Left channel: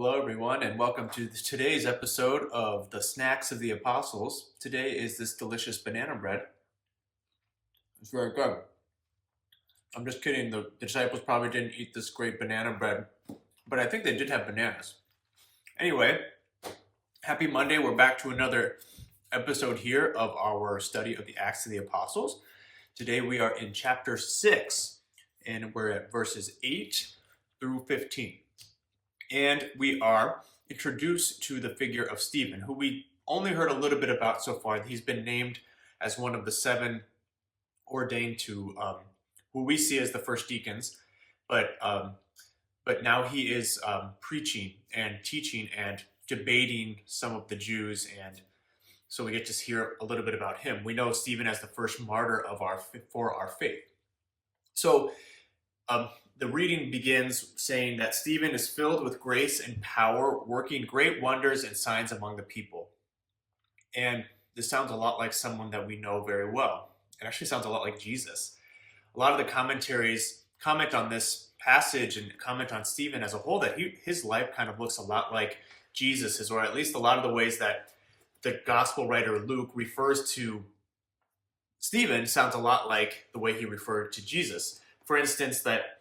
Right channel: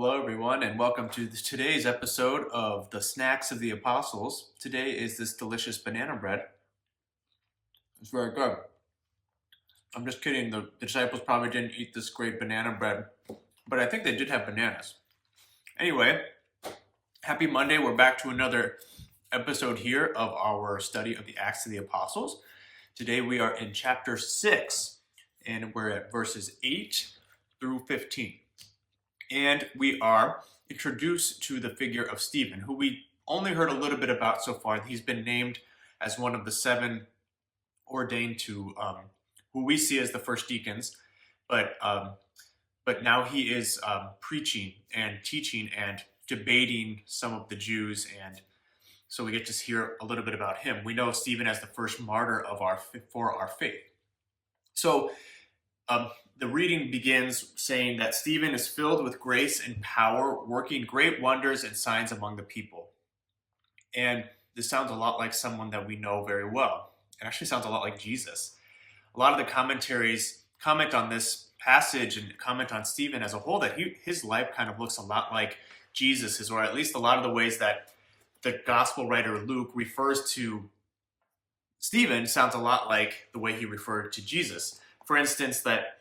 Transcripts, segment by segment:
Hello, everyone, and welcome to today's episode of the Snacks of the Apostles. Today is this delicious banana bread. It's very good. I'm just kidding. The disciples probably didn't eat this great banana bread, but I think they did have bananas. Anyway, happy Monday. We're back to another episode here of our study of the Acts of the Apostles. Today we are in chapter 6, and we're at verses 8 through 15. And we are introduced to the figure of Stephen, who we only heard a little bit about so far. He's been named as one of the 7 ordained to who we see as the first deacons, but now he is preaching and teaching and debating some of the Jews, and so we get to hear a little bit about him. We know Stephen as the first martyr for our faith. So the reading begins saying that Stephen is filled with grace and power, working great wonders and signs among the people. And this sounds a lot like someone that we know very well. It actually sounds a lot like Jesus. A lot of the commentaries comment on this passage and comment on Stephen as a whole, that his life kind of looks a lot like Jesus's, or at least a lot of the ways that the gospel writer Luke refers to Stephen sounds a lot like the way he referred to Jesus. For instance, that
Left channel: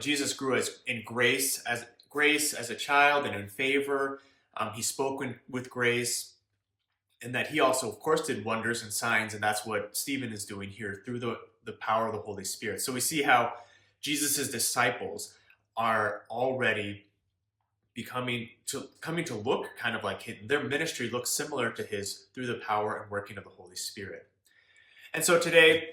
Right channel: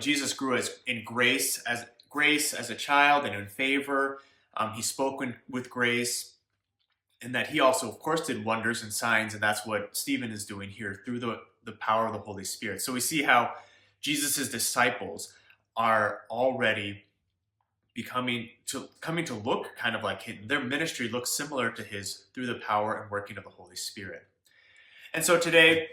Jesus grew in grace as a child and in favor. He spoke with grace, and that he also, of course, did wonders and signs, and that's what Stephen is doing here through the power of the Holy Spirit. So we see how Jesus' disciples are already coming to look kind of like him. Their ministry looks similar to his through the power and working of the Holy Spirit. And so today,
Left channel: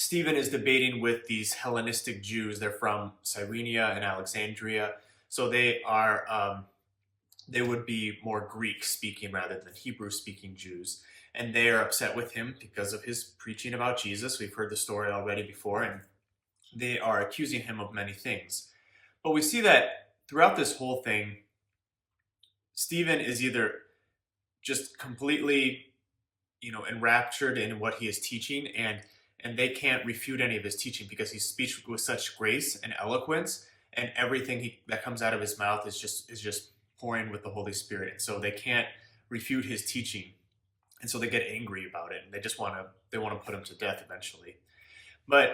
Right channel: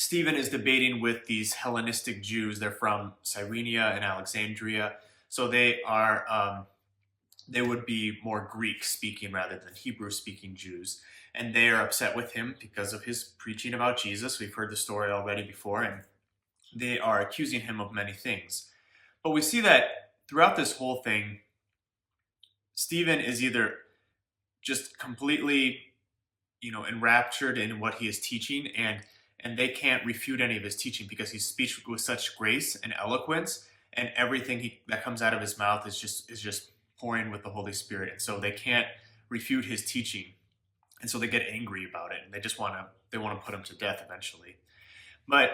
Stephen is debating with these Hellenistic Jews. They're from Cyrenia and Alexandria. So they would be more Greek-speaking rather than Hebrew-speaking Jews. And they are upset with him because of his preaching about Jesus. We've heard the story already before, and they are accusing him of many things. But we see that throughout this whole thing, Stephen is either just completely, enraptured in what he is teaching, and they can't refute any of his teaching because he speaks with such grace and eloquence, and everything that comes out of his mouth is just pouring with the Holy Spirit. And so they can't refute his teaching, and so they get angry about it, and they just want to put him to death eventually. But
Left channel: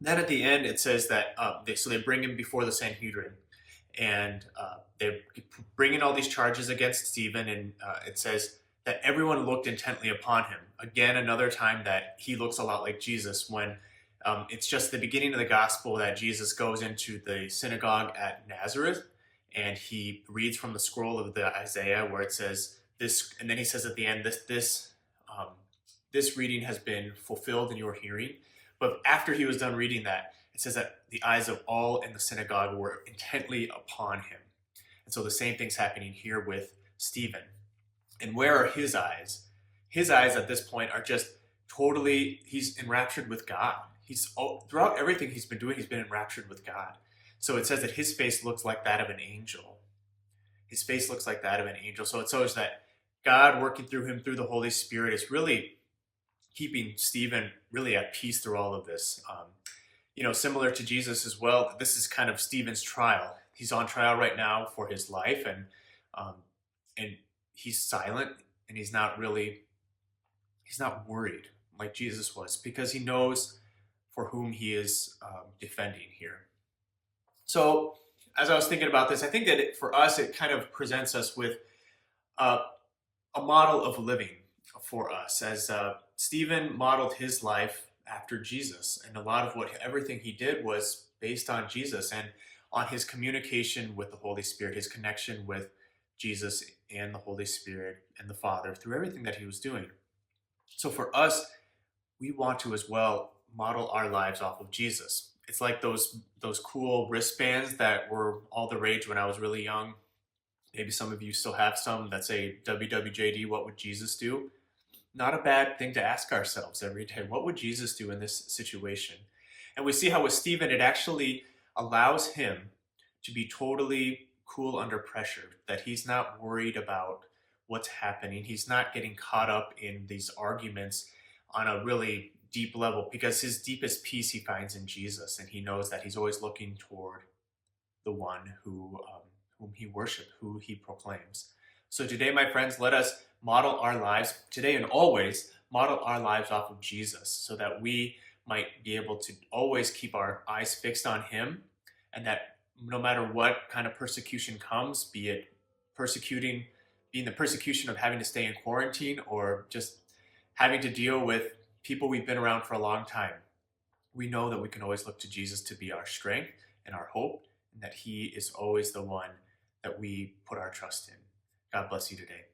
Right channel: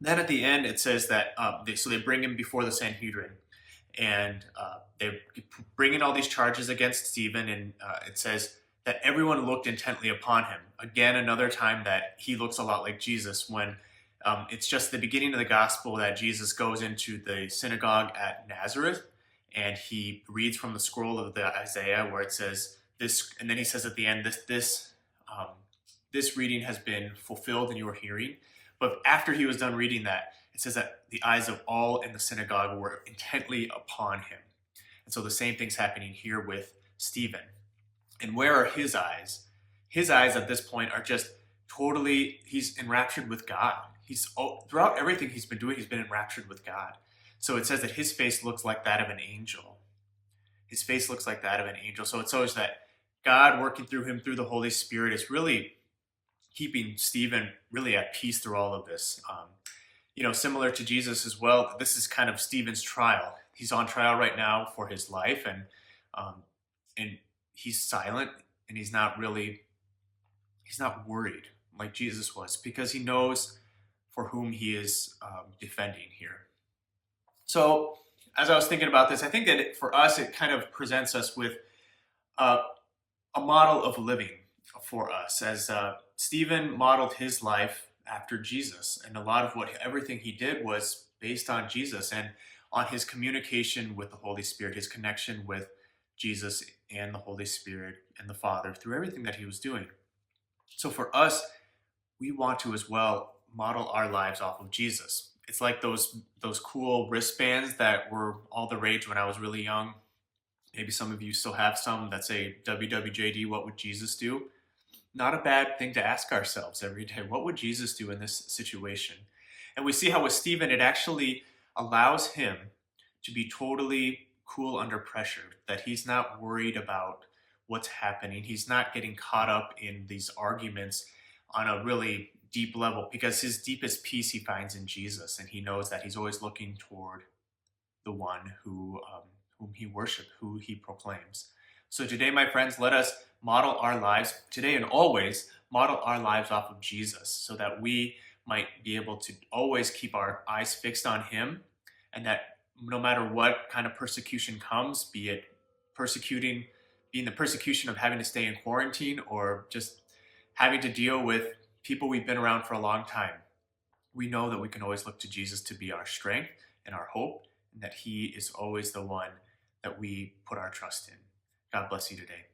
then at the end it says that they bring him before the Sanhedrin, and they bring in all these charges against Stephen, and it says that everyone looked intently upon him. Again, another time that he looks a lot like Jesus, when it's just the beginning of the gospel that Jesus goes into the synagogue at Nazareth, and he reads from the scroll of the Isaiah where it says this, and then he says at the end, this reading has been fulfilled in your hearing. But after he was done reading that, it says that the eyes of all in the synagogue were intently upon him. And so the same thing's happening here with Stephen. And where are his eyes? His eyes at this point are just totally, he's enraptured with God. Throughout everything he's been doing, he's been enraptured with God. So it says that his face looks like that of an angel. His face looks like that of an angel. So it shows that God working through him through the Holy Spirit is really keeping Stephen really at peace through all of this. Similar to Jesus as well, this is kind of Stephen's trial. He's on trial right now for his life, and he's silent, and he's not worried like Jesus was, because he knows for whom he is defending here. So as I was thinking about this, I think that for us, it kind of presents us with a model of living for us, as Stephen modeled his life after Jesus, and a lot of everything he did was based on Jesus and on his communication with the Holy Spirit, his connection with Jesus and the Holy Spirit and the Father through everything that he was doing. So for us, we want to as well model our lives off of Jesus. It's like those cool wristbands that were all the rage when I was really young. Maybe some of you still have some that say WWJD, what would Jesus do? Not a bad thing to ask ourselves every day. What would Jesus do in this situation? And we see how with Stephen, it actually allows him to be totally cool under pressure, that he's not worried about what's happening. He's not getting caught up in these arguments on a really deep level, because his deepest peace he finds in Jesus, and he knows that he's always looking toward the one who whom he worships, who he proclaims. So today, my friends, let us model our lives, today and always, model our lives off of Jesus so that we might be able to always keep our eyes fixed on him, and that no matter what kind of persecution comes, be it being the persecution of having to stay in quarantine or just having to deal with people we've been around for a long time, we know that we can always look to Jesus to be our strength and our hope, and that he is always the one that we put our trust in. God bless you today.